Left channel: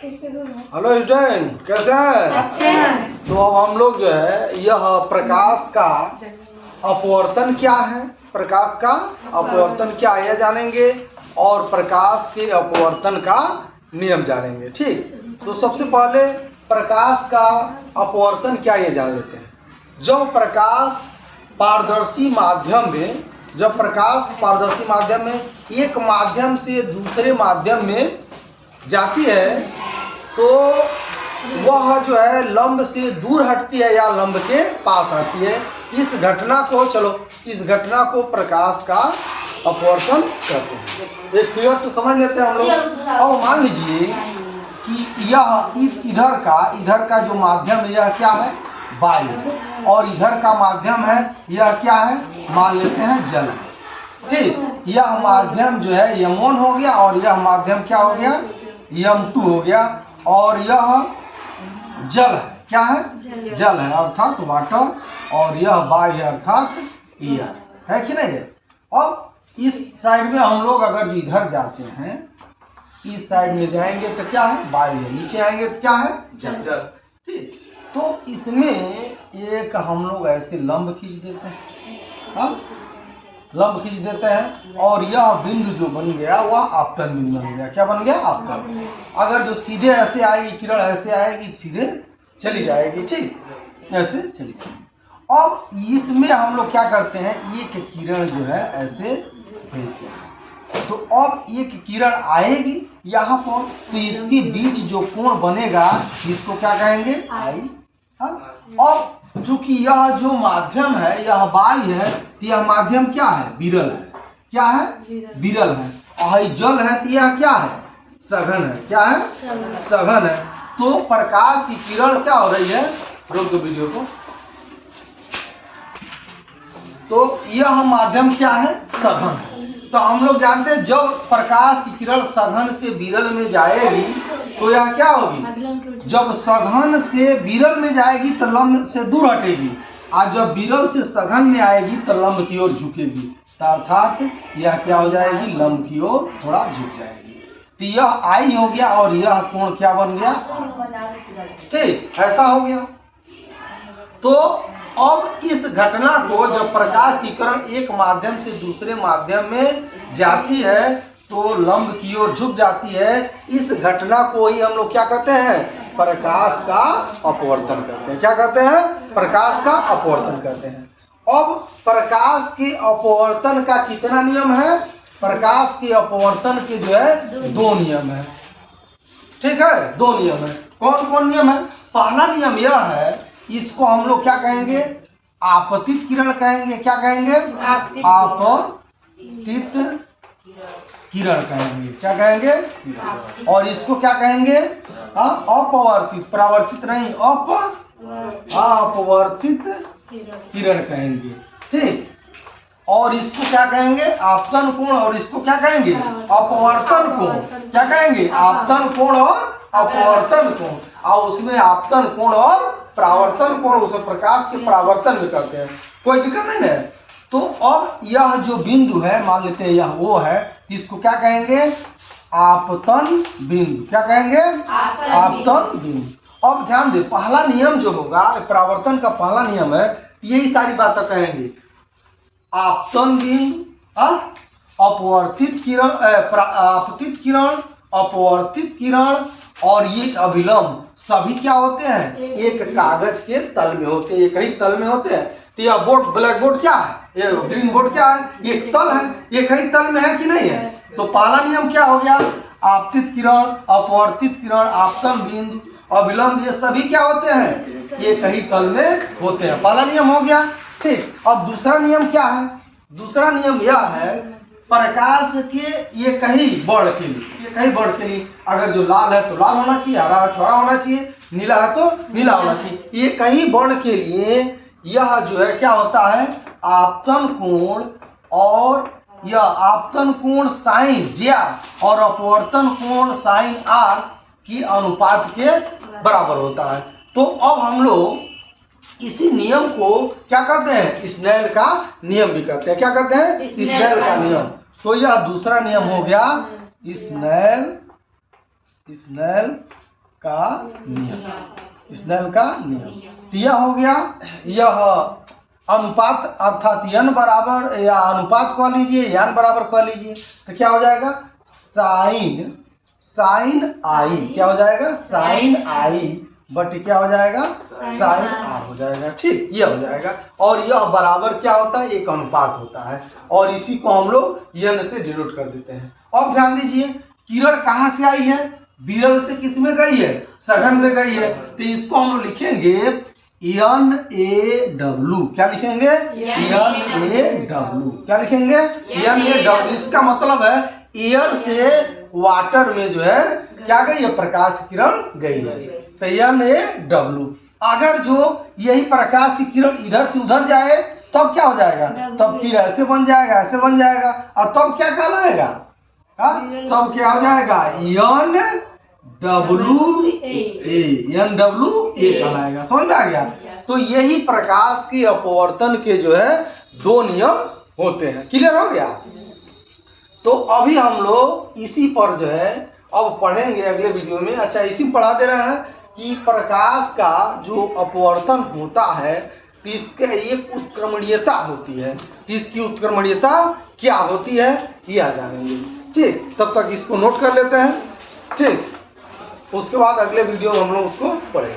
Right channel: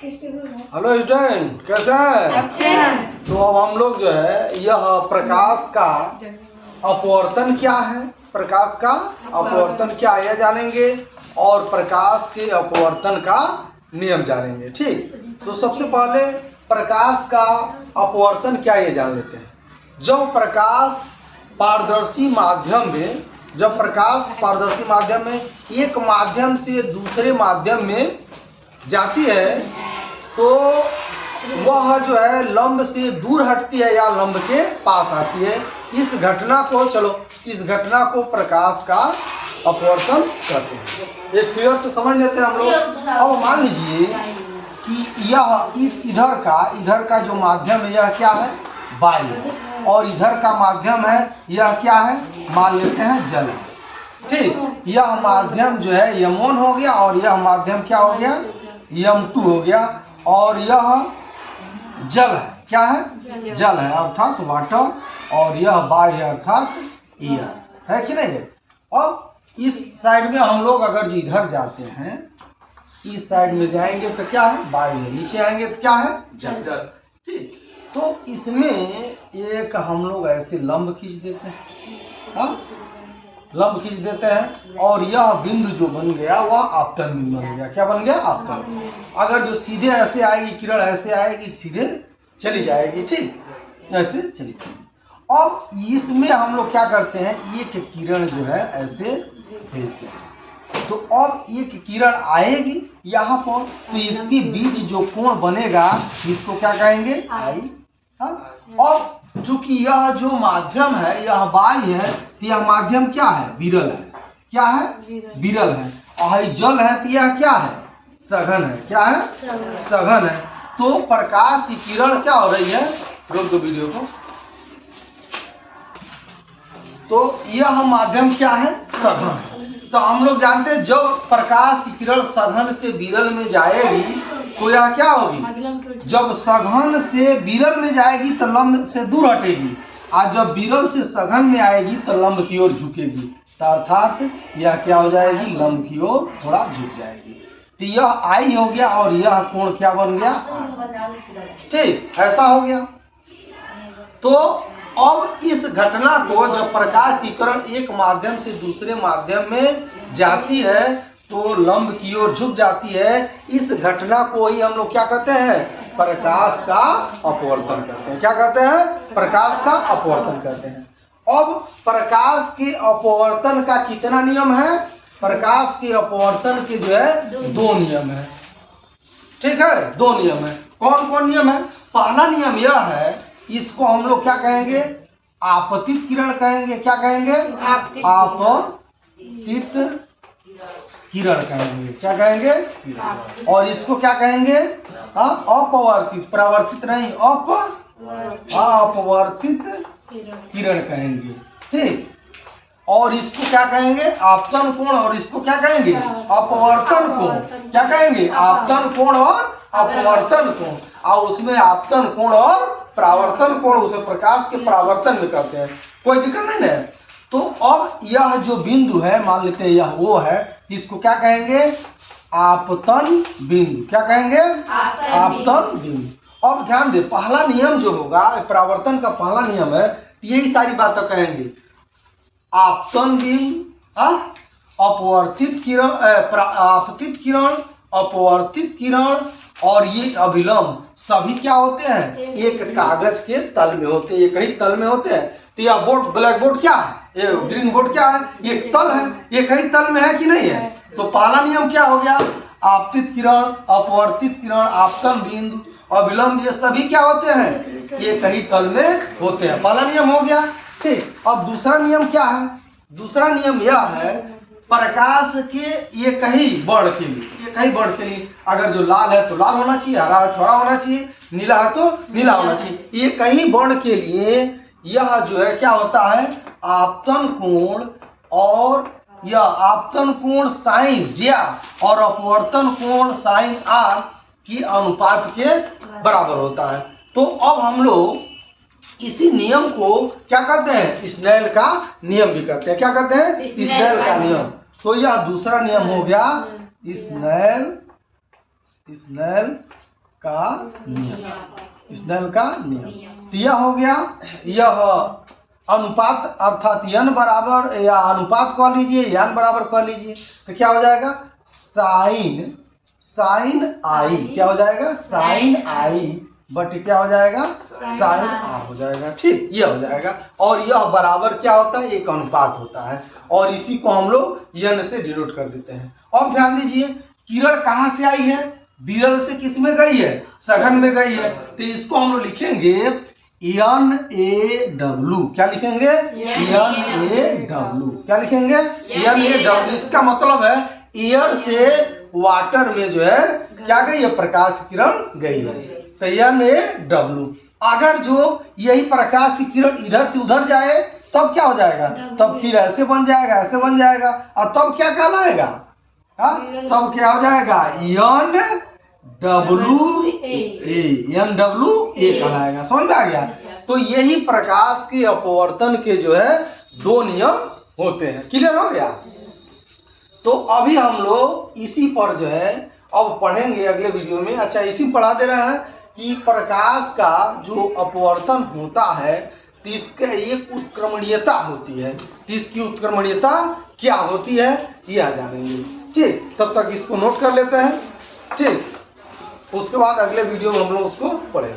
Hello student, कैसे हैं? अच्छे हैं। तो अब हम लोग जो है यह प्रकाश का अपवर्तन क्या है, प्रकाश का अपवर्तन क्या है यह जानेंगे और प्रकाश के अपवर्तन का नियम जानेंगे। ठीक, तो सबसे पहले प्रकाश का अपवर्तन क्या ये जान लेते हैं। जब प्रकाश पारदर्शी माध्यम में एक माध्यम से दूसरे माध्यम में जाती है तो वह जो है लंब से दूर हटती है या लंब के पास आती है। इस घटना को प्रकाश का अपवर्तन कहते हैं। एक फिगर से समझ लेते हैं हम लोग। अब मान लीजिए कि यह इधर का जो माध्यम है यह क्या है, वायु, और इधर का माध्यम है यह क्या है, मान लेते हैं जल। ठीक, यह माध्यम जो है यम1 हो गया और यह माध्यम क्या हो गया, यम2 हो गया, और यह जल है, क्या है, जल है अर्थात वाटर, और यह वायु है अर्थात एयर है कि नहीं है। अब इस साइड में हम लोग अगर इधर जाते हैं, इस साइड में जाएंगे तो क्या है, वायु है, नीचे आएंगे तो क्या है, जल। ठीक, तो इसमें एक हम लोग ऐसे लंब खींच देते हैं, लंब खींच देते हैं, और यह बिंदु जो बन गया वह आपतन बिंदु बन गया। क्या बन गया, आपतन। अगर जो सीधे ऐसे आएगी किरण, ऐसे आएगी सीधे चली जाएगी। ठीक, ऐसे चली जाएगी। अब इसमें हम लोग क्या करते हैं, एक किरण जो है ऐसे भेजते हैं, तो अब एक किरण आएगी यहाँ पर, तो इसके बीच जो कोण बनेगा इसको क्या कहेंगे, आई। अब चूंकि यह जो माध्यम है यह वायु है, तो यह माध्यम क्या है, विरल है। क्या है, विरल है। और जल है तो यह क्या है, सघन है। क्या है, सघन है। तो प्रकाश की किरण क्या हो रही है, रोक दो वीडियो को। तो यह माध्यम क्या है, सघन। तो हम लोग जानते हैं जब प्रकाश की किरण सघन से विरल में जाएगी तो यह क्या होगी, जब सघन से विरल में जाएगी तो लंब से दूर हटेगी, और जब विरल से सघन में आएगी तो लंब की ओर झुकेगी, अर्थात यह क्या हो जाएगी, लंब की ओर थोड़ा झुक जाएगी। तो यह आई हो गया और यह कोण क्या बन गया, ठीक, ऐसा हो गया। तो अब इस घटना को जब प्रकाश की किरण एक माध्यम से दूसरे माध्यम में जाती है तो लंब की ओर झुक जाती है। इस घटना को ही हम लोग क्या कहते हैं, प्रकाश का अपवर्तन कहते हैं। क्या कहते हैं, प्रकाश का अपवर्तन कहते हैं। अब प्रकाश के अपवर्तन का कितना नियम है, प्रकाश के अपवर्तन के जो है दो नियम है। ठीक है, दो नियम है। कौन कौन नियम है, पहला नियम यह है, इसको हम लोग क्या कहेंगे, आपतित किरण कहेंगे। क्या कहेंगे, आपतित किरण कहेंगे। क्या कहेंगे, और इसको क्या कहेंगे, अपवर्तित, परावर्तित नहीं, अपवर्तित किरण कहेंगे। ठीक, और इसको क्या कहेंगे, आपतन कोण, और इसको क्या कहेंगे, अपवर्तन कोण। क्या कहेंगे, आपतन कोण और अपवर्तन कोण। और उसमें आपतन कोण और परावर्तन कोण उसे प्रकाश के परावर्तन में करते हैं, कोई दिक्कत नहीं है। तो अब यह जो बिंदु है, मान लेते हैं यह वो है, इसको क्या कहेंगे, आपतन बिंदु। क्या कहेंगे, आपतन बिंदु। अब ध्यान दे, पहला नियम जो होगा परावर्तन का पहला नियम है, यही सारी बातें कहेंगे। आपतन बिंदु, अपवर्तित किरण, आपतित किरण, अपवर्तित किरण और ये अभिलंब सभी क्या होते हैं, एक कागज के तल में होते हैं, एक ही तल में होते हैं। तो यह बोर्ड, ब्लैक बोर्ड क्या है, ये ग्रीन बोर्ड क्या है, एक तल है, एक ही तल में है कि नहीं है। तो पहला नियम क्या हो गया, आपतित किरण, अपवर्तित किरण, आपतन बिंदु, अभिलंब, ये सभी क्या होते हैं, एक ही तल में होते हैं। पहला नियम हो गया। ठीक, अब दूसरा नियम क्या है, दूसरा नियम यह है, प्रकाश के एक ही वर्ण के लिए, एक ही वर्ण के लिए, अगर जो लाल है तो लाल होना चाहिए, हरा है तो हरा होना चाहिए, नीला है तो नीला होना चाहिए। एक ही वर्ण के लिए यह जो है क्या होता है, आपतन कोण, और यह आपतन कोण साइन जेआर और अपवर्तन कोण साइन आर की अनुपात के बराबर होता है। तो अब हम लोग इसी नियम को क्या कहते हैं, स्नेल का नियम भी कहते हैं। क्या कहते हैं, स्नेल का नियम। तो यह दूसरा नियम हो गया स्नेल का नियम, स्नेल का नियम। तो यह हो गया, यह अनुपात अर्थात n बराबर या अनुपात कह लीजिए, n बराबर कह लीजिए, तो क्या हो जाएगा साइन आई, क्या हो जाएगा साइन आई बट क्या हो जाएगा साइन आर हो जाएगा। ठीक, ये हो जाएगा। और यह बराबर क्या होता है, एक अनुपात होता है, और इसी को हम लोग n से डिनोट कर देते हैं। अब ध्यान दीजिए, किरण कहाँ से आई है, विरल से किस में गई है, सघन में गई है। तो इसको हम लोग लिखेंगे NaW, क्या लिखेंगे NaW, क्या लिखेंगे NaW। इसका मतलब है एयर से वाटर में जो है क्या गई है, प्रकाश किरण गई है, तो NaW। अगर जो यही प्रकाश की किरण इधर से उधर जाए तब क्या हो जाएगा, तब फिर ऐसे बन जाएगा, ऐसे बन जाएगा, और तब क्या कहलाएगा, तब क्या हो जाएगा NWA कहलाएगा। समझ में आ गया। तो यही प्रकाश के अपवर्तन के जो है दो नियम होते हैं। क्लियर हो गया। तो अभी हम लोग इसी पर जो है अब पढ़ेंगे अगले वीडियो में। अच्छा, इसी में पढ़ा दे रहे हैं कि प्रकाश का जो अपवर्तन होता है तो इसके एक उत्क्रमणीयता होती है, तो इसकी उत्क्रमणीयता क्या होती है यह जानेंगे। ठीक, तब तक इसको नोट कर लेते हैं। ठीक, उसके बाद अगले वीडियो में हम लोग उसको पढ़ेंगे।